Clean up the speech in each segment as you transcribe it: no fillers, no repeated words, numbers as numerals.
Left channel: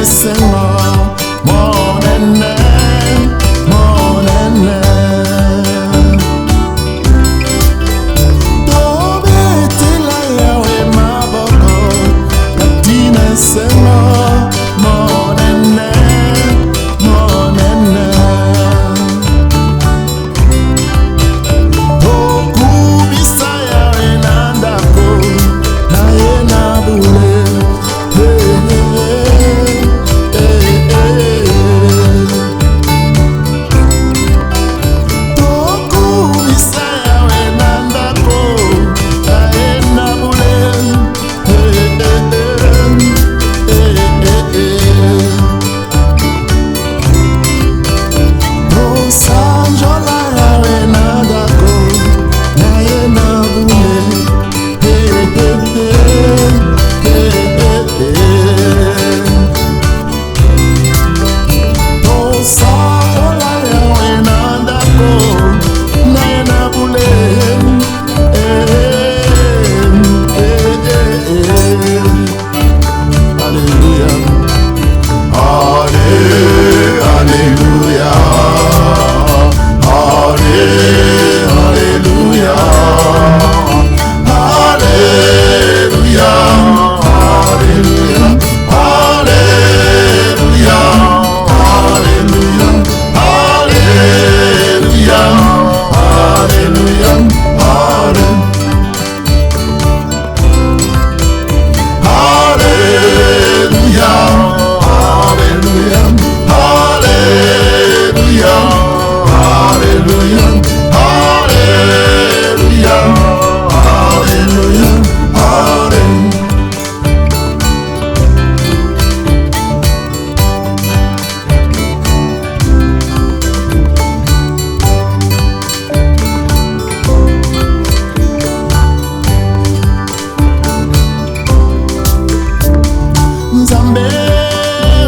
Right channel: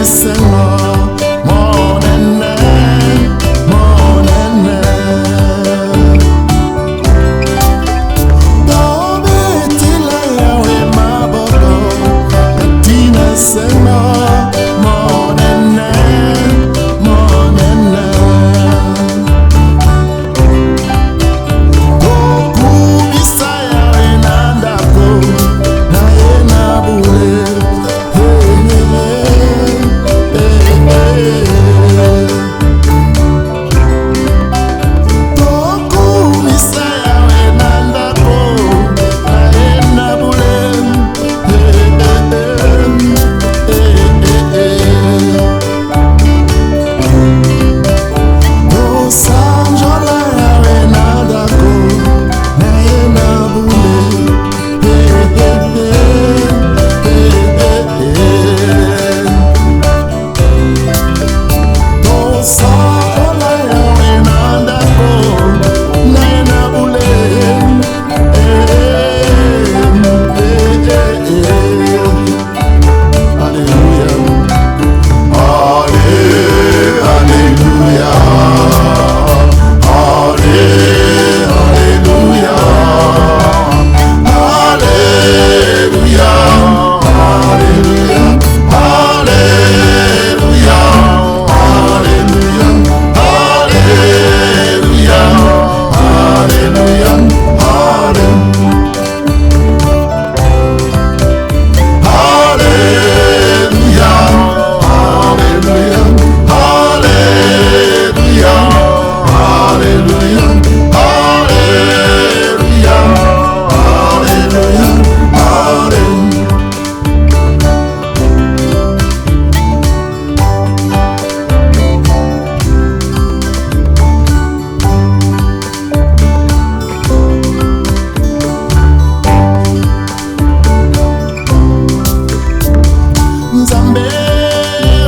esengo monene monene. Tobetela yawe maboko natina esengo monene monene. Tokumisa yawe nandako naye nabule. Nzambe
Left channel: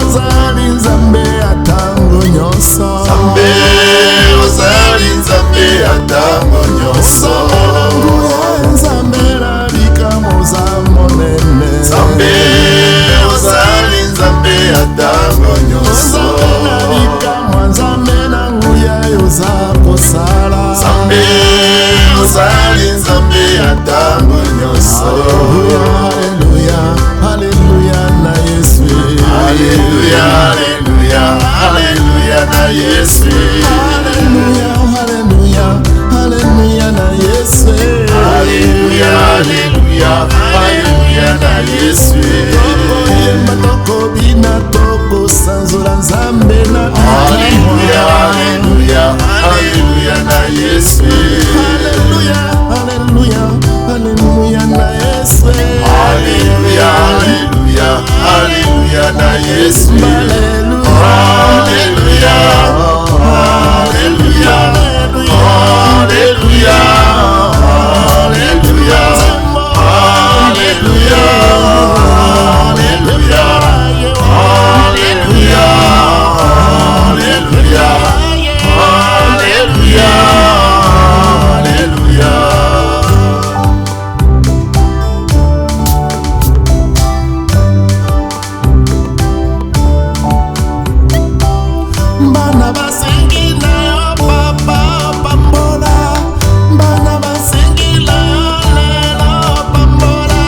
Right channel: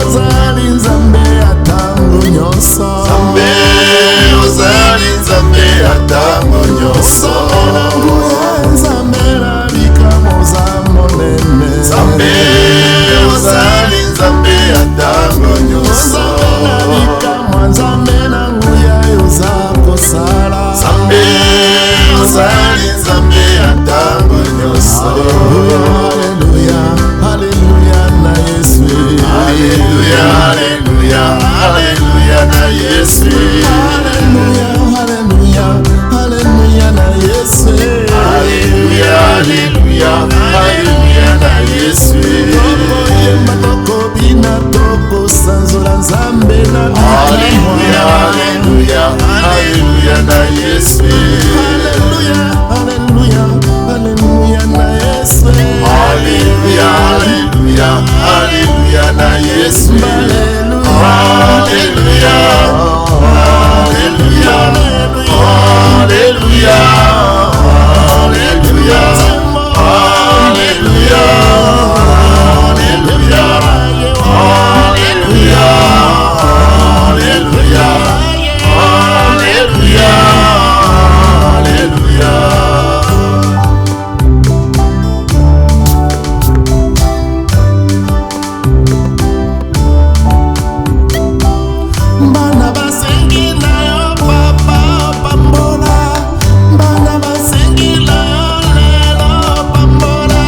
ozali nzambe atango nyonso. Nzambe ozali nzambe atango nyonso. Nzambe na bikamo za monene. Nzambe ozali nzambe atango nyonso. Nzambe na bikamo nzambe na nguya yoza kosala. Nzambe ozali nzambe atango nyonso. Hallelujah, hallelujah na Yesu. Hallelujah, hallelujah, hallelujah na Yesu. Hallelujah, hallelujah, hallelujah na Yesu. Hallelujah, hallelujah, hallelujah na Yesu. Toko yemba toko bina toko sanzola nzambe na bikamo. Hallelujah, hallelujah, hallelujah na Yesu. Hallelujah, hallelujah, hallelujah na Yesu. Hallelujah, hallelujah, hallelujah na Yesu. Hallelujah, hallelujah, hallelujah, hallelujah, hallelujah, Bana basengi na yo papa pambola. Bana basengi na yo lelo pambola.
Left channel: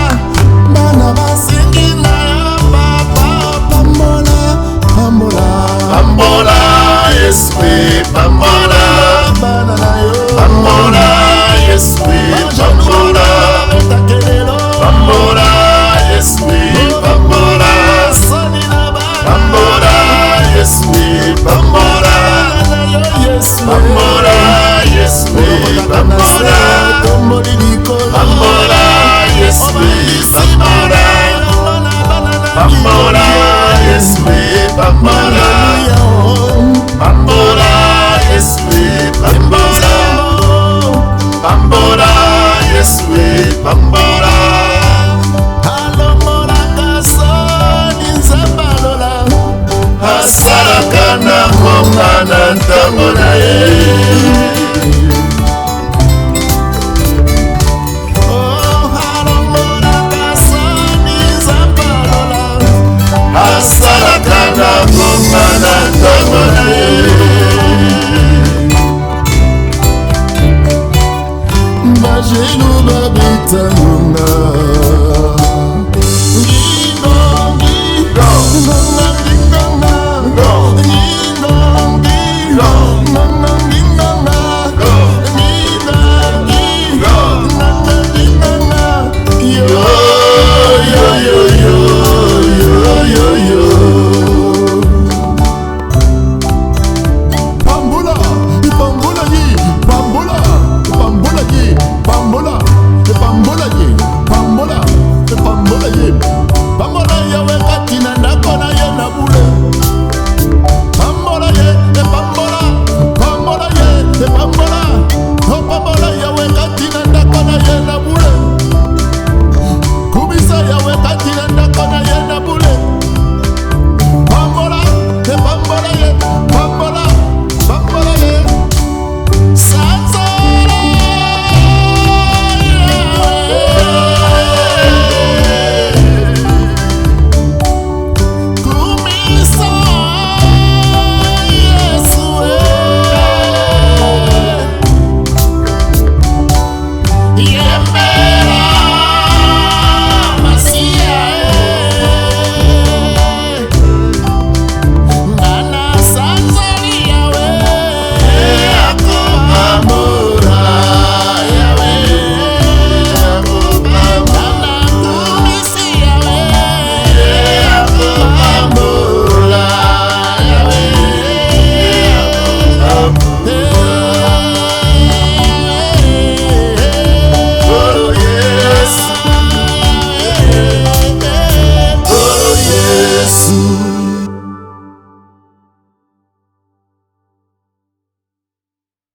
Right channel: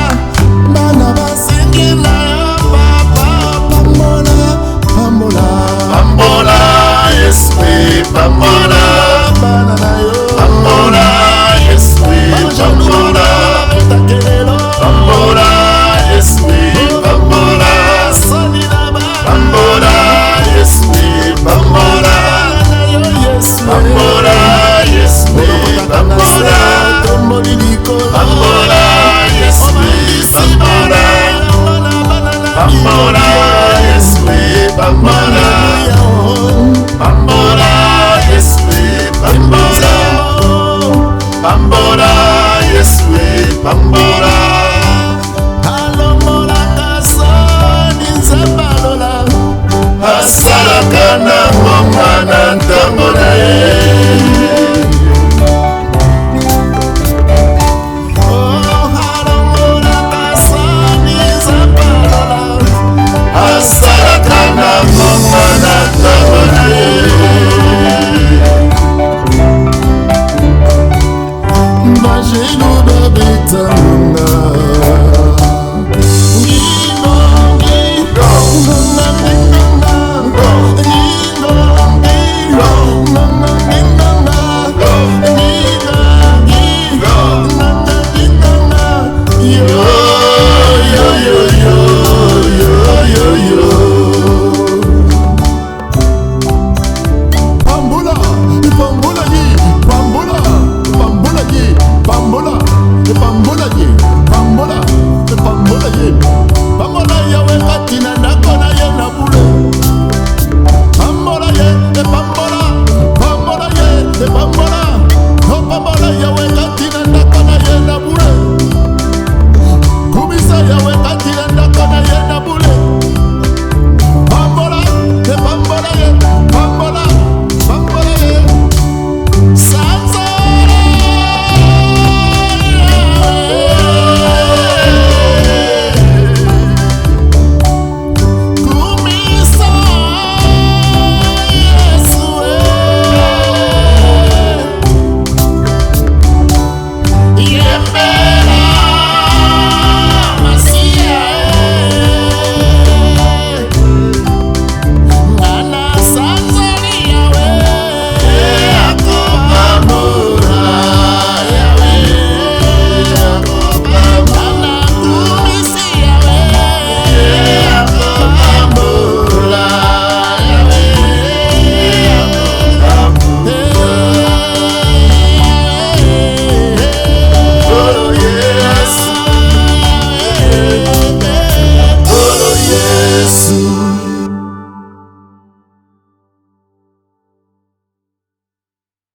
Bana basengi na yo papa pambola pambola. Pambola Yesu pambola. Bana na yo pambola Yesu pambola. Pambola Yesu pambola. Pambola Yesu pambola. Pambola Yesu pambola. Pambola Yesu pambola. Pambola Yesu pambola. Pambola Yesu pambola. Pambola Yesu pambola. Alomola kasoni nzabalola. Asalaka na ngoma na ntango na ye. Asalaka bajelu babitangunga ngingo ngingo